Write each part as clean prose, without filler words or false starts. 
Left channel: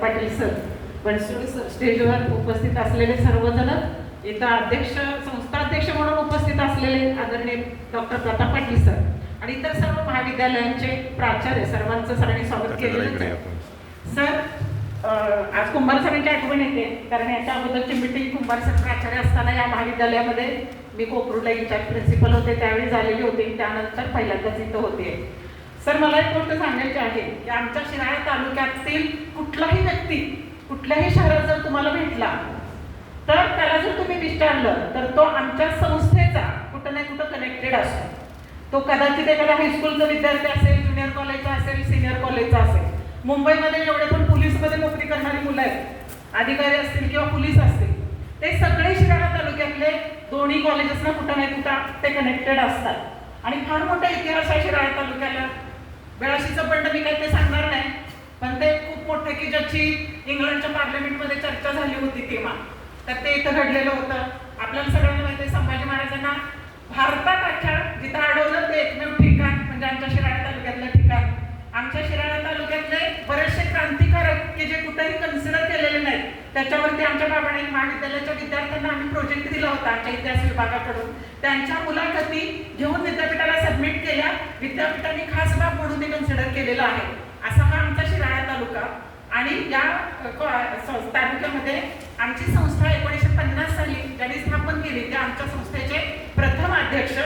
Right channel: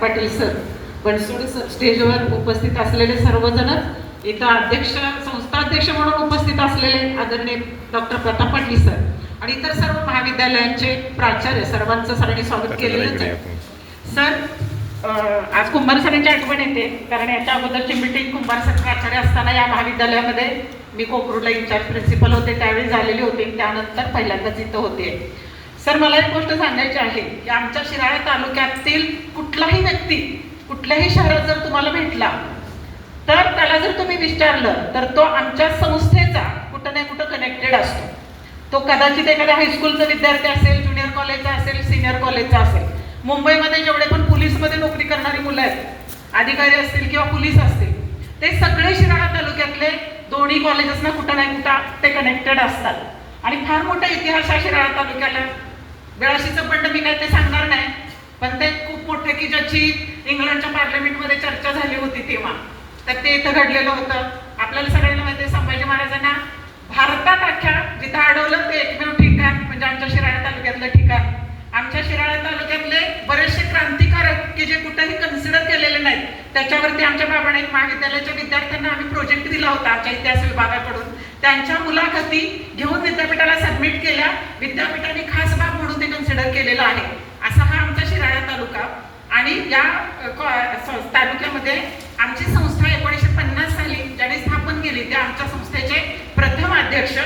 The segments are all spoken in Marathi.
पाटील सर, बनसोड सर, स्टेजवर उपस्थित असलेले सर्वजण, इथं अध्यक्ष, संस्था अध्यक्ष म्हणून उपस्थित असलेले आदरणीय डॉक्टर प्रताप पाटील सर आणि इतर सर्व महाविद्यालयांचे प्राचार्य, सर्वांचं सरांनी स्वागत केलेलं. सर, आज कुंभार सरांची आठवण येते, कारण याच्या अगोदरची मीटिंग कुंभार सर प्राचार्य असताना या महाविद्यालयामध्ये मी कोकरूडला इन्चार्ज प्रिन्सिपल होते, त्यावेळी झालेली होती. त्यानंतर पहिल्यांदाच इथं होते. सर, मला एक गोष्ट सांगायची आहे की आमच्या शिराळा तालुक्यातील कुठलाही व्यक्ती कुठल्याही शहरात जर तुम्हाला भेटला तर त्याला जर तुम्ही विचारलं तर तो आमच्या संस्थेचा कुठं नाही कुठं कनेक्टेड असतो. तो कदाचित एखाद्या हायस्कूलचा विद्यार्थी असेल, ज्युनियर कॉलेजचा असेल, सिनियर कॉलेजचा असेल. मुंबईमध्ये जेवढे पण पोलीसमध्ये नोकरी करणारी मुलं आहेत, अधिकारी असतील किंवा पोलीस असतील, ते सगळे शिराळा तालुक्यातले दोन्ही कॉलेजेसना कुठं नाही कुठं ते कनेक्टेड असतात. आणि फार मोठा इतिहास आहे शिराळा तालुक्याला. बेळाशीचं बंड मी काय ते सांगणार नाही, पण ते खूप मोठं की ज्याची इंग्लंडच्या पार्लमेंटमध्ये चर्चा झाली होती तेव्हा, तर ते इथं घडलेलं होतं. आपल्याला सगळ्यांना माहिती आहे, संभाजी महाराजांना भारतात अख्ख्या जिथं अडवलं ते एकमेव ठिकाण म्हणजे आमच्या शिराळा तालुक्यातलं ठिकाण. आमच्या शिराळा तालुक्यातले बरेचसे क्रांतिकारक की जे कुठेही कन्सिडर केलेले नाहीत, त्याच्यावरती आमच्या प्रामाणिक महाविद्यालयाच्या विद्यार्थ्यांना आम्ही प्रोजेक्ट दिला होता आमच्या इतिहास विभागाकडून. त्यांच्या मुलाखती घेऊन विद्यापीठाला सबमिट केल्या. विद्यापीठाने खास बाब म्हणून ते कन्सिडर केलेलं आहे. असा हा आमचा शिराळा तालुका. आणि या तालुक्यामध्ये आमची संस्था 1950 साली ज्यांनी स्थापन केली ते आमच्या संस्थेचे प्रथम अध्यक्ष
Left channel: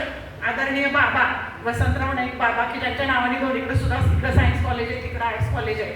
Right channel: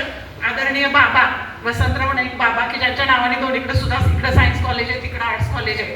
आदरणीय बाबा वसंतराव नाईक बाबा, की ज्यांच्या नावाने दोन्हीकडे सुद्धा, इकडे सायन्स कॉलेज आहे, तिकडे आर्ट्स कॉलेज आहे.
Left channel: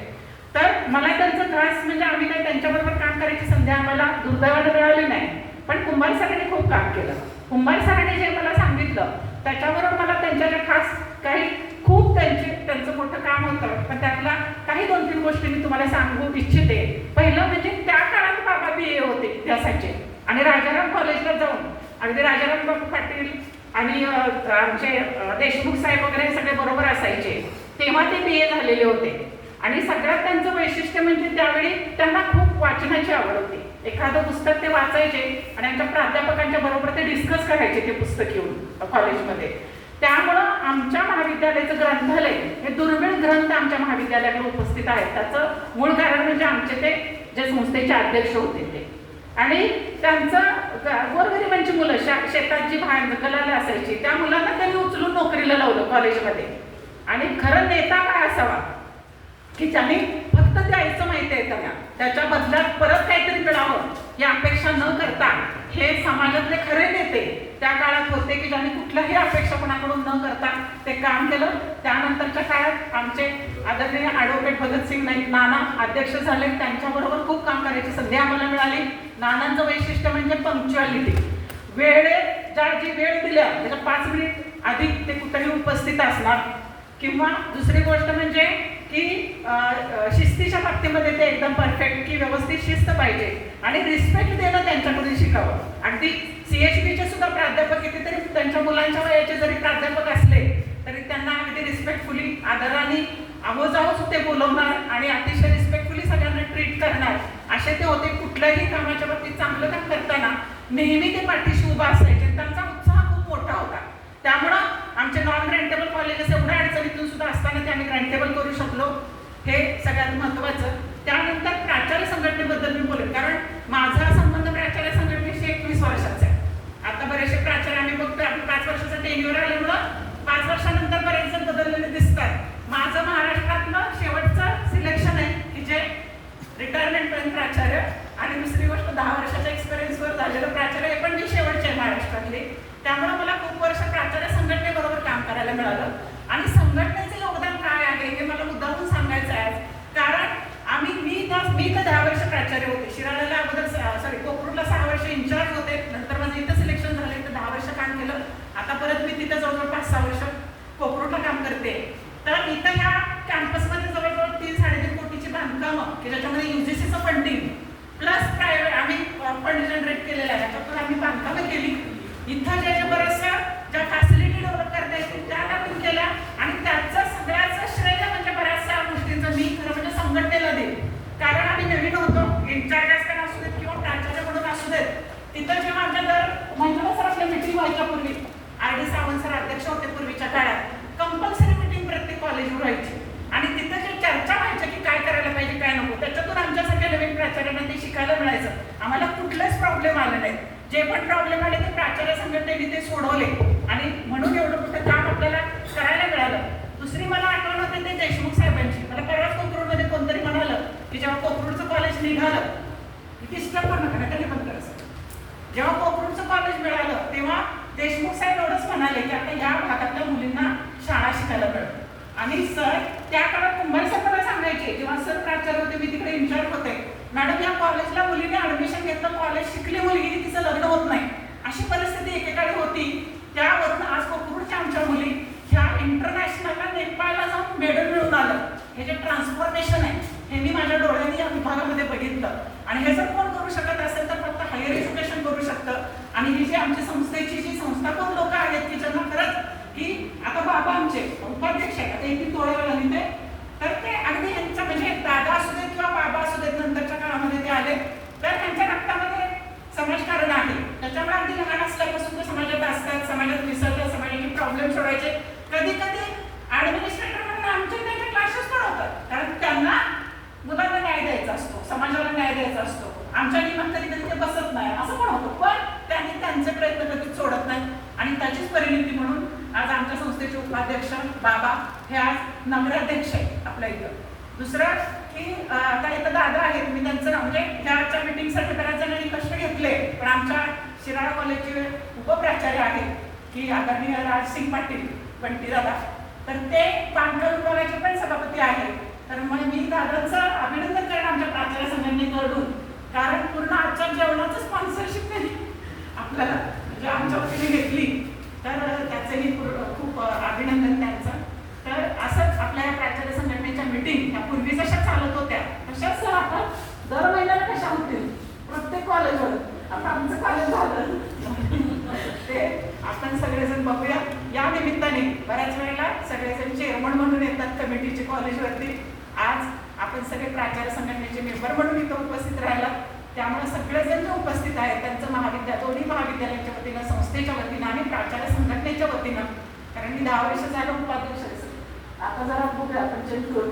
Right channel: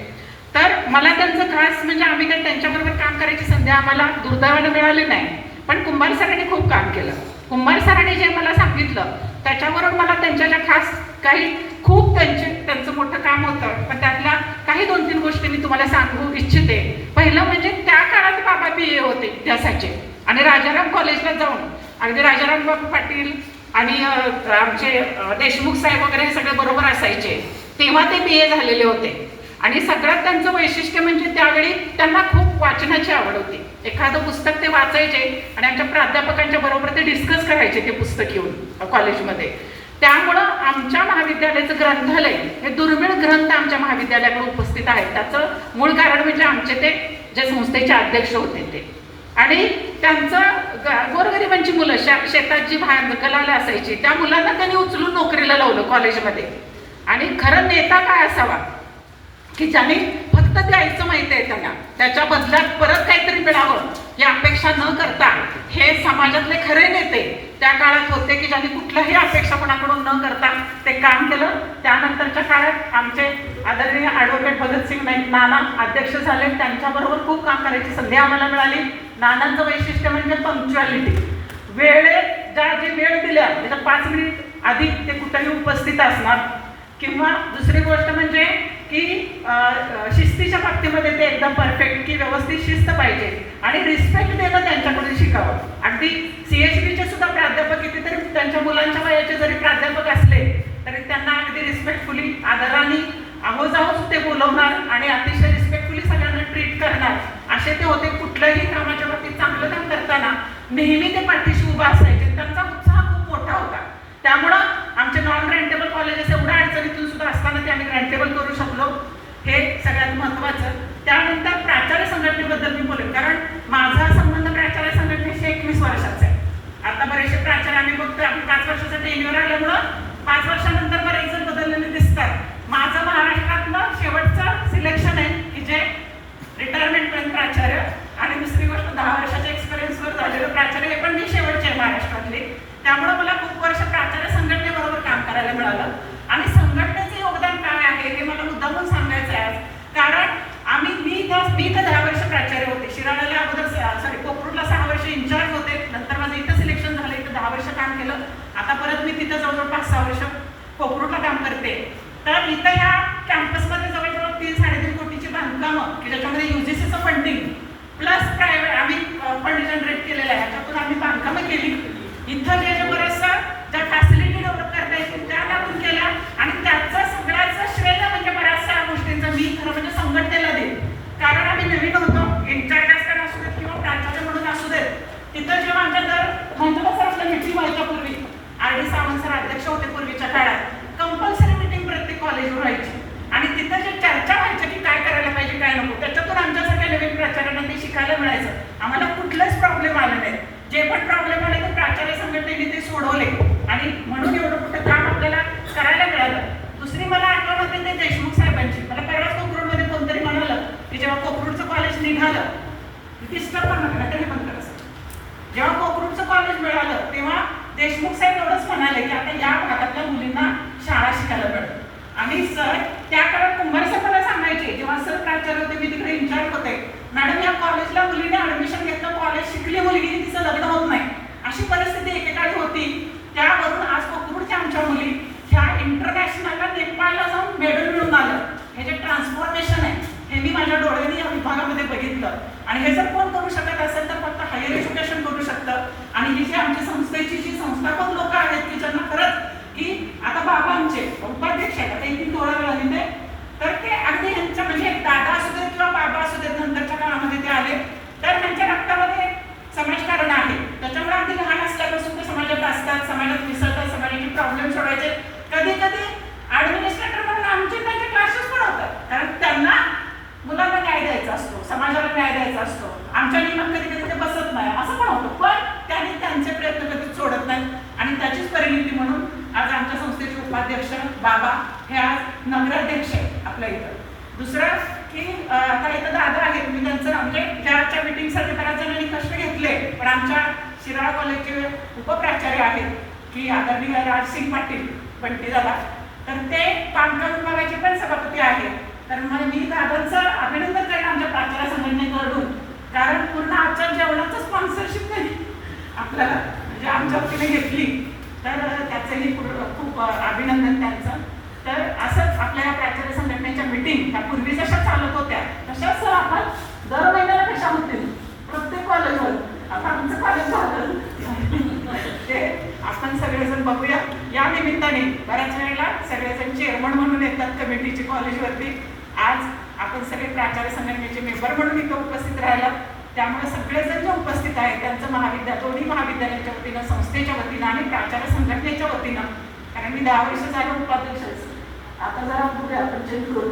तर मला त्यांचं खास म्हणजे आम्ही काय त्यांच्याबरोबर काम करायची संधी आम्हाला दुर्दैवाने मिळाली नाही, पण कुंभार सरांनी खूप काम केलं. कुंभार सरांनी जे मला सांगितलं त्याच्यावरून मला त्यांच्या खास काही खूप त्यांचं मोठं काम होतं, पण त्यातल्या काही 2-3 गोष्टी मी तुम्हाला सांगू इच्छिते. पहिलं म्हणजे त्या काळात बाबा BA होते इतिहासाचे आणि राजाराम कॉलेजला जाऊन अगदी राजाराम बाबू पाटील आणि आमचे देशमुख साहेब वगैरे सगळे बरोबर असायचे, तेव्हा ते BA झालेले होते. आणि सगळ्यात त्यांचं वैशिष्ट्य म्हणजे त्यावेळी त्यांना खूप वाचनाची आवड होती. एखादं पुस्तक ते वाचायचे आणि आमच्या प्राध्यापकांच्या बरोबर ते डिस्कस करायचे ते पुस्तक येऊन कॉलेजमध्ये. त्यामुळं आमच्या महाविद्यालयाचं ग्रंथालय हे दुर्मिळ ग्रंथ आमच्या महाविद्यालयाकडे उपस्थित आहेत. त्याचं मूळ कारण म्हणजे आमचे ते जे संस्थेचे अध्यक्ष होते ते, आणि त्यांचं गोरगरिबांची मुलं शेतात जी कलाला असायची त्या मुलांना त्यांनी उचलून नोकरीला लावलं कॉलेजमध्ये. आणि खरं नेता काय असावा की ज्यांनी फक्त द्यायचं माहिती आहे त्यांना, त्याच्या बदल्यात परत काहीतरी मिळावं ही अपेक्षा न करता, हे समाजातले खरे नेते त्या काळात होते की ज्यांनी कुठल्याही अपेक्षा कोणाकडून न करता ते काम केलं. त्यानंतरच्या काळात आमचे आदरणीय ॲडव्होकेट भगतसिंग नाईक नाना अध्यक्ष झाले, त्यांच्याबरोबर खूप काम करायची संधी आम्हाला मिळाली. नानांचं वैशिष्ट्य म्हणजे पंक्च्युअलिटी. ज्या जी वेळ दिल्या त्याच्या 5 मिनिट आधी ते कुठेही उपस्थित असणार. किंवा दुसरी गोष्ट म्हणजे की शिस्तीच्या बाबतीमध्ये ते एकदम परफेक्ट, की व्यवस्थित शिस्त पाहिजे आणि रिस्पेक्ट देणं त्यांच्याकडून शिकावं. अगदी CHBचे सुद्धा प्राध्यापक कितीतरी त्यांच्या मुलांच्या वयाचे जरी प्राध्यापक असले तरी त्यांना अगदी रिस्पेक्टफुली आदराने आहोजाहोज ते बोलवणार आणि अतिशय रिस्पेक्टफुली सगळ्यांना ट्रीट करणार असे ते होते. कुठल्याही कामाच्या बाबतीत चांगलं काम करताना नेहमी ते पाठीशी उभा असायचे. त्यांचा उत्साह खूप मोठा होता. त्यामुळं आमचे नॉन ग्रँटेबल कॉलेजेस एवढ्या अडचणीतून सुद्धा असताना ते आम्ही ग्रँटेबल करू शकलो, हे सगळ्यात महत्त्वाचं. त्यानंतर प्राचार्य संघटनेबद्दल मी बोलेन, कारण माझा संबंध प्राचार्य संघटनेशी 21 वर्षाचा आहे. आता बरेचसे प्राचार्यांनी फक्त आपण 5 वर्षाचा टेन्युअर आल्यामुळं 5 वर्षानंतर बरेच जण बदललेले दिसतात. माझं महाराष्ट्रातलं शेवटचं सिलेक्शन आहे की जे रिटायरमेंटपर्यंत प्राचार्य, आणि दुसरी गोष्ट 10 वर्षाच्या एक्सपिरियन्सवर झालेलं प्राचार्य, हे पण मी शेवटचे आहे महाराष्ट्रातले. त्यामुळं मला खूप वर्ष प्राचार्य संघटनेबरोबर काम करायला मिळालं. आणि संघटनेचे योगदान काय आहे हे मला मुद्दामून सांगायचं आहे, कारण मी इथं 10 वर्ष प्राचार्य होते. शिराळ्याला अगोदर कोकरूडला 6 वर्ष इन्चार्ज होते. नंतर माझं इथं सिलेक्शन झालं, इथं 10 वर्ष काम केलं. आता परत मी तिथं जवळजवळ 5-6 वर्ष कोकरूडला काम करते. तर इथं ह्या कॅम्पसमध्ये जवळजवळ 3-3.5 कोटीची बांधकामं की ज्याच्यामध्ये UGCचं फंडिंग प्लस प्रायव्हेट आम्ही फंड जनरेट केलेलं आहे, ह्याच्यातून आम्ही बांधकामं केली. इथं जे बरंचसं ज्या फॅसिलिटी डेव्हलप करता येतील त्या टाकून केल्या. आणि त्याचं सगळ्याचं श्रेय म्हणजे बऱ्याचशा गोष्टींचं मी खरं म्हणजे संघटनेला देईन, कारण आम्ही नवीन होतो. इन्चार्ज असताना असू देत किंवा प्राचार्य म्हणून असू देत, तिथं जेव्हा आमच्या मंजुळा सरांना मीटिंग व्हायच्या पूर्वी, RD सावंत सर अध्यक्ष होते पूर्वीच्या काळात, कंपल्सरी मीटिंग प्रत्येक कॉलेजवर व्हायची. आणि तिथं जे चर्चा व्हायच्या की काय करायला पाहिजे काय नको, त्याच्यातून आमच्या शिकायला मिळायचं. आम्हाला कुठलेच प्रॉब्लेम आले नाहीत. जे पण प्रॉब्लेम आले ते प्राचार्य संघटनेने ते सोडवले आणि म्हणून एवढं मोठं काम आपल्याला करायला मिळालं. दुसरी मला आठवण होते ते देशमुख साहेबांची. मला परवाच कोकरूडमध्ये कोणतरी म्हणालं की जेव्हा कोकरूडचं कॉलेज निघालं, डिस्टर्ब पण नका तरी पण करत, जेव्हा कोकरूडचं कॉलेज मिळालं तेव्हा देशमुख साहेब एवढंच म्हणाले की आता या भागातल्या मुलींना शाळा शिकायला मिळेल. आणि सर त्या काळात कुंभार सर मला सांगायचे, जेव्हा सर प्राचार्य होते मी तिकडे इन्चार्ज होते, मॅडम या कॉलेजला मुलीने ऍडमिशन घेतलं, कॉलेज शिकली मुलगी, तिचं लग्न होत नाही, अशी परिस्थिती एकेकाळी होती. त्यावरून आज कोकरूडच्या आमच्या मुली ह्या इंटरनॅशनलला नेपाळला जाऊन मेडल मिळून आलं. हे जे ट्रान्सफॉर्मेशन आहे हे मी माझ्या डोळ्यांनी या विभागामध्ये बघितलं. आणि हे जर कोण करू शकत असेल तर फक्त हायर एज्युकेशन करू शकतं. आणि ही जी आमच्या संस्थेची जी संस्थापक लोक आहेत की ज्यांना खरंच की आता बाबा आमचे उपाध्यक्ष आहेत, आता एक तोडा ते, तर ते अगदी यांचं म्हणजे दादा असू देत किंवा बाबा असू देत नंतरच्या काळामध्ये ते आले, तर त्यांच्या रक्तामध्ये समाजकारण आहे. त्याच्यामुळे अगदी लहान असल्यापासून ते समाजात असतात, समाजात मिसळतात, समाजाचे प्रॉब्लेम सोडवायचे. कधी कधी ऍडमिनिस्ट्रेटर म्हणून आमचे त्यांचे क्लासेस पण होतात, कारण त्यांना मुलांना न्याय द्यायचा असतो, समाजाला न्याय द्यायचा असतो. आमच्या नियमात कधी कधी ते बसत नाही असं पण होतं, पण त्यांनी त्यांचे प्रयत्न कधीच सोडत नाहीत. आणि त्याचीच परिणिती म्हणून आज आमच्या संस्थेचे उपाध्यक्ष बाबा हे आज नगराध्यक्ष आहेत आपल्या इथं. दुसरं की आता इथं दादा आहेत, मी त्यांचं म्हणजे ज्याच्या मिटिंगसाठी बऱ्याच जणांनी कष्ट घेतले, पण आमच्या शिराळ कॉलेजचे उपप्राचार्य आहेत की आदरणीय राजसिंग पाटील बंटी दादा, तर ते कामगार विभागाचे पण सभापती आहेत. तर मग मी दादांचं अभिनंदन करेन आमच्या प्राचार्य संघटनेकडून, कारण पूर्ण आजच्या जेवणाचं स्पॉन्सरशिप नाही आपल्याला म्हणजे आमच्या वतीने घेतली, तर त्याचंही खूप अभिनंदन त्यांचं. तर असंच आपल्या प्राचार्य संघटनेच्या मिटिंग ह्या पूर्वी जशा चालत होत्या तशाच आपण दर महिन्याला कशा होतील प्रत्येक कॉलेजवर. आता आमचं कॉलेज झालं ते आपण सगळेजण बघूया. या निमित्ताने बऱ्याच वेळेला सगळेजण चेअरमन म्हणून येतात कमिटीचे कॉलेजवरती. आज आपण सगळे प्राचार्य संघटनेचे मेंबर म्हणून इथं उपस्थित राहिला, त्यामुळे सगळेजण जे उपस्थित आहेत त्यांचं दोन्ही महाविद्यालयाच्या वतीनं, संस्थेच्या वतीनं आणि प्राचार्य संघटनेच्या वतीनं, कारण मी 10 वर्ष झालं उपाध्यक्ष, आता जरा बघूया आपण चेंज करू